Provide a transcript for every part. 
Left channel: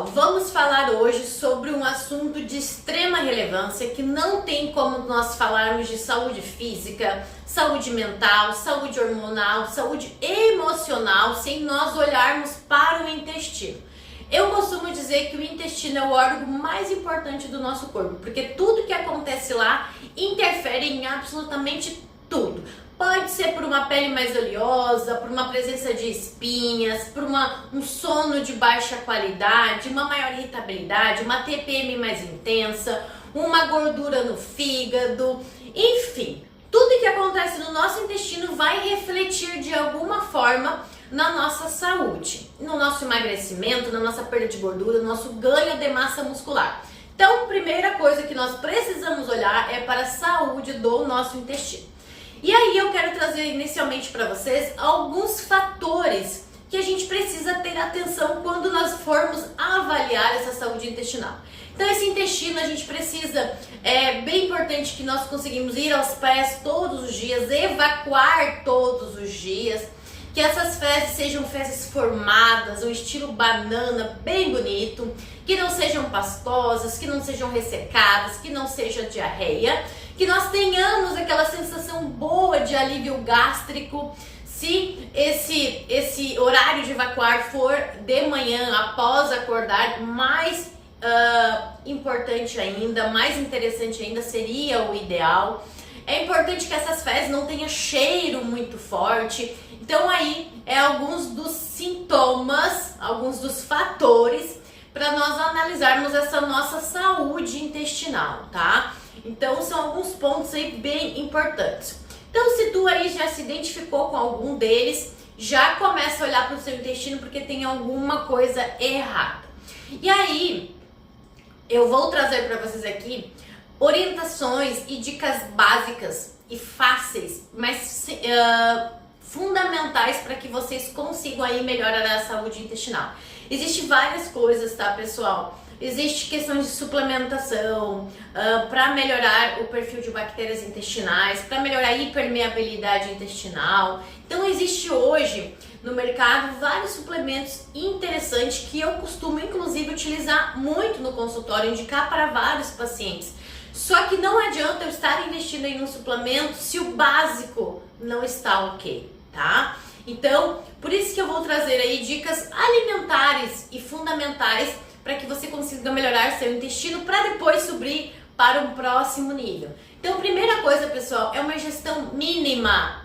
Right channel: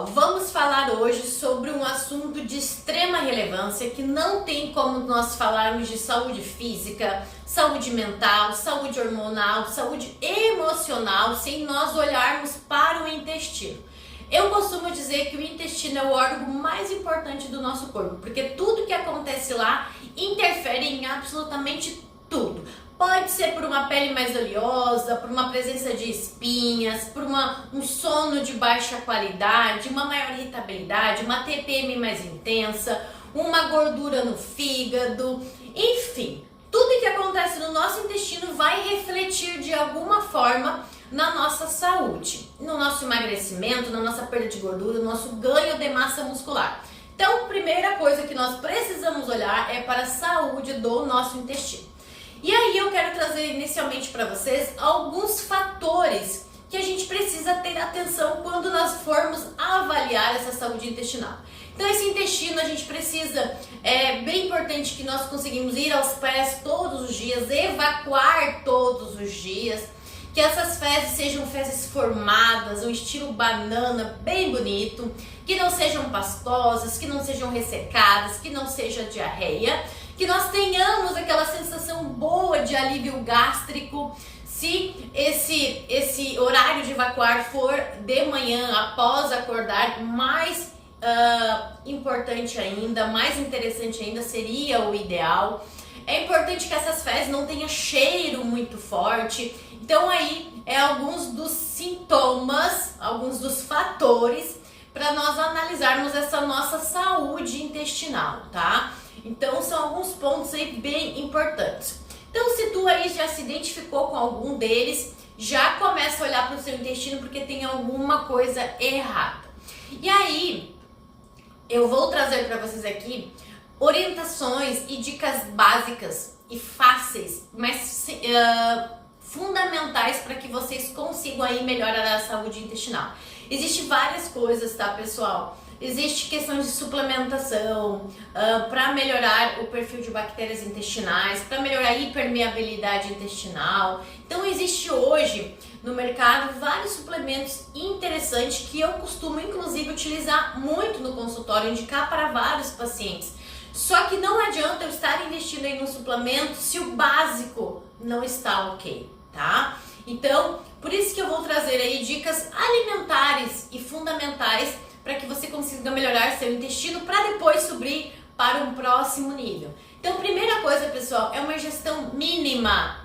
pessoal, vamos falar hoje sobre um assunto de extrema relevância que não tem como nós falarmos de saúde física, saúde mental, saúde hormonal, saúde emocional sem nós olharmos para o intestino. Eu costumo dizer que o intestino é o órgão mais importante do nosso corpo, porque tudo que acontece lá interfere em absolutamente tudo. Pode ser por uma pele mais oleosa, por uma presença de espinhas, por um sono de baixa qualidade, uma maior irritabilidade, uma TPM mais intensa, uma gordura no fígado, enfim. Tudo que acontece no nosso intestino vai refletir de alguma forma na nossa saúde, no nosso emagrecimento, na nossa perda de gordura, no nosso ganho de massa muscular. Então, a primeira coisa que nós precisamos olhar é para a saúde do nosso intestino. E aí eu quero trazer inicialmente para vocês alguns fatores que a gente precisa ter atenção quando nós formos avaliar essa saúde intestinal. Então esse intestino a gente precisa, é bem importante que nós conseguimos ir aos pés todos os dias, evacuar todos os dias, que essas fezes sejam fezes formadas, um estilo banana bem bonito, que não sejam pastosas, que não sejam ressecadas, que não seja diarreia, que nós tenhamos aquela sensação boa de alívio gástrico. Se esse horário de evacuar for de manhã, após acordar, mais importante ainda, mais interessante ainda, seria o ideal. É importante que essas fezes não tenham cheiro muito forte. Então aí é alguns dos sintomas, alguns dos fatores para nós analisarmos essa nossa saúde intestinal, tá? Então são alguns pontos aí bem importantes. Então se tu aí já se identificou com algum deles, já começa a olhar para o seu intestino porque tem alguma coisa errada. E aí eu vou trazer para vocês aqui orientações e dicas básicas e fáceis, mas fundamentais para que vocês consigam aí melhorar a saúde intestinal. Existem várias coisas, tá, pessoal? Existe questões de suplementação para melhorar o perfil de bactérias intestinais, para melhorar a hipermeabilidade intestinal. Então existe hoje no mercado vários suplementos interessantes que eu costumo inclusive utilizar muito no consultório, indicar para vários pacientes. Só que não adianta eu estar investindo em um suplemento se o básico não está ok, tá? Então, por isso que eu vou trazer aí dicas alimentares e fundamentais para que você consiga melhorar seu intestino para depois subir para um próximo nível. Então, primeira coisa, pessoal, é uma ingestão mínima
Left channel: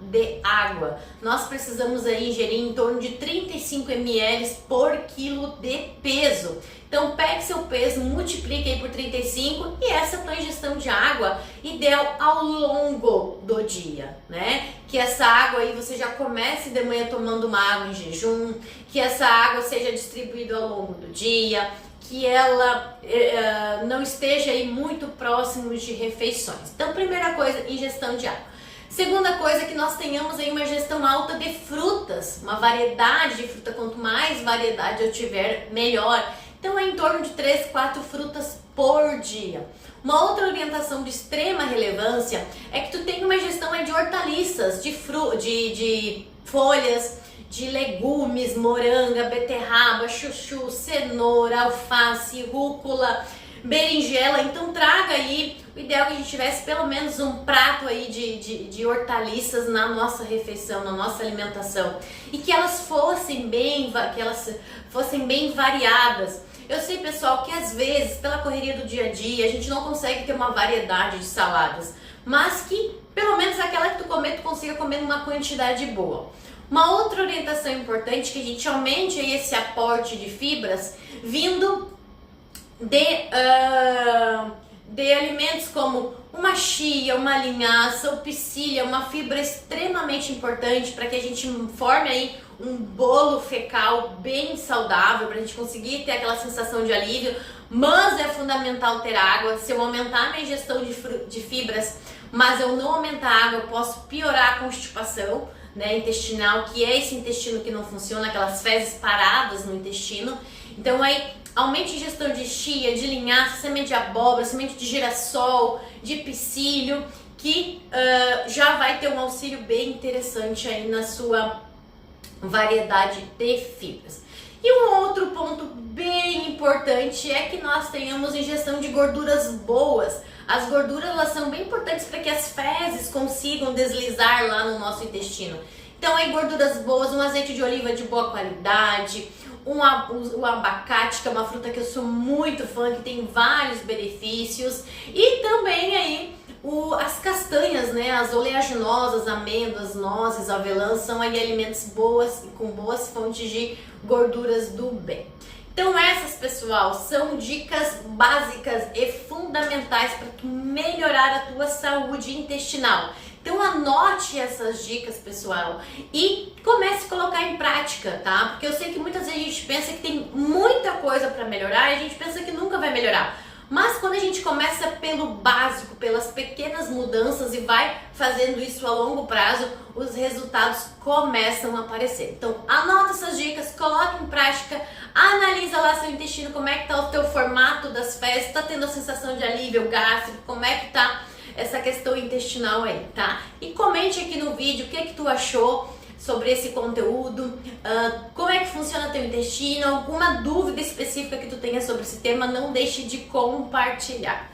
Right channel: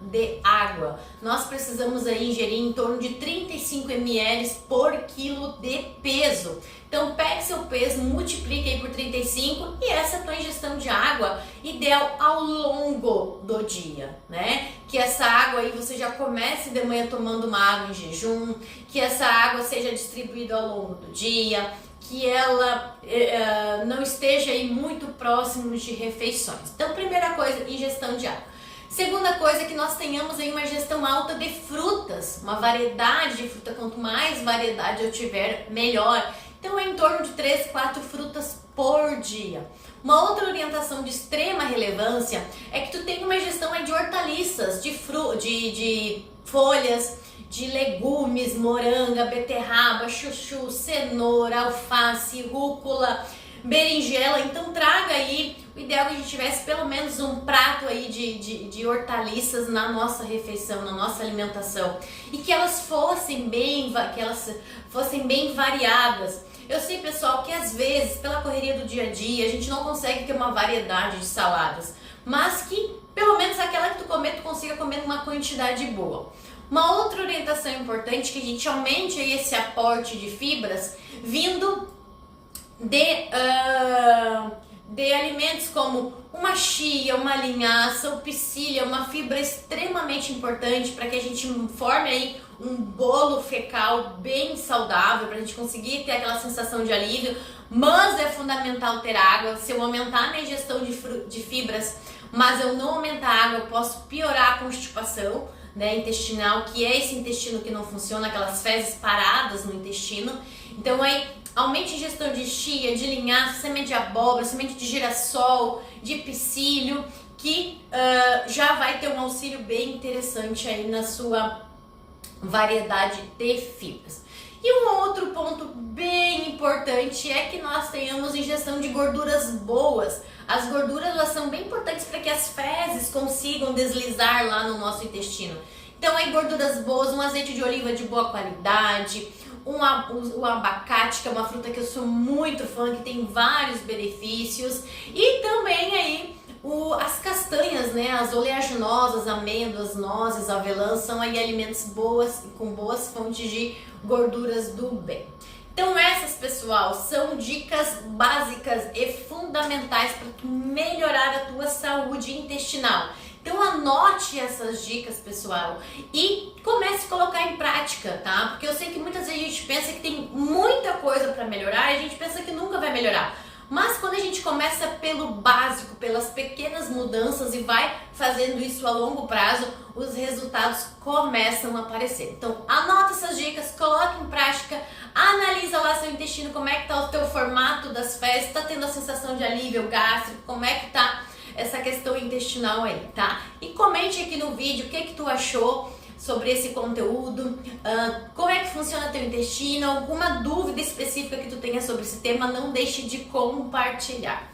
de água. Nós precisamos aí ingerir em torno de 35 ml por quilo de peso. Então, pegue seu peso, multiplique aí por 35 e essa é a tua ingestão de água ideal ao longo do dia, né? Que essa água aí você já comece de manhã tomando uma água em jejum, que essa água seja distribuída ao longo do dia, que ela não esteja aí muito próximo de refeições. Então, primeira coisa, ingestão de água. Segunda coisa, que nós tenhamos aí uma ingestão alta de frutas, uma variedade de fruta. Quanto mais variedade eu tiver, melhor. Então é em torno de 3, 4 frutas por dia. Uma outra orientação de extrema relevância é que tu tenha uma ingestão aí de hortaliças, de folhas, de legumes, moranga, beterraba, chuchu, cenoura, alface, rúcula, berinjela. Então traga aí, o ideal é que a gente tivesse pelo menos um prato aí de hortaliças na nossa refeição, na nossa alimentação, e que elas fossem bem variadas. Eu sei, pessoal, que às vezes pela correria do dia a dia a gente não consegue ter uma variedade de saladas, mas que pelo menos aquela que tu comer, tu consiga comer uma quantidade boa. Uma outra orientação importante é que a gente aumente aí esse aporte de fibras vindo de alimentos como uma chia, uma linhaça, o psyllia, uma fibra extremamente importante para que a gente forme aí um bolo fecal bem saudável, para a gente conseguir ter aquela sensação de alívio. Mas é fundamental ter água. Se eu aumentar a minha ingestão de fibras, mas eu não aumentar a água, eu posso piorar a constipação, né, intestinal, que é esse intestino que não funciona, aquelas fezes paradas no intestino. Então aí aumente a ingestão de chia, de linhaça, semente de abóbora, semente de girassol, de psyllium, que já vai ter um auxílio bem interessante aí na sua variedade de fibras. E um outro ponto bem importante é que nós tenhamos ingestão de gorduras boas. As gorduras, elas são bem importantes para que as fezes consigam deslizar lá no nosso intestino. Então, aí gorduras boas, um azeite de oliva de boa qualidade, o abacate, que é uma fruta que eu sou muito fã, que tem vários benefícios, e também aí as castanhas, né, as oleaginosas, amêndoas, nozes, avelãs, são aí alimentos boas, com boas fontes de gorduras do bem. Então essas, pessoal, são dicas básicas e fundamentais para tu melhorar a tua saúde intestinal. Então anote essas dicas, pessoal, e comece a colocar em prática, tá? Porque eu sei que muitas vezes a gente pensa que tem muita coisa para melhorar e a gente pensa que nunca vai melhorar. Mas quando a gente começa pelo básico, pelas pequenas mudanças e vai fazendo isso a longo prazo, os resultados começam a aparecer. Então anota essas dicas, coloca em prática, analisa lá seu intestino, como é que tá o teu formato das fezes, tá tendo a sensação de alívio gástrico, como é que tá essa questão intestinal aí, tá? E comente aqui no vídeo o que tu achou sobre esse conteúdo, como é que funciona teu intestino, alguma dúvida específica que tu tenha sobre esse tema, não deixe de compartilhar.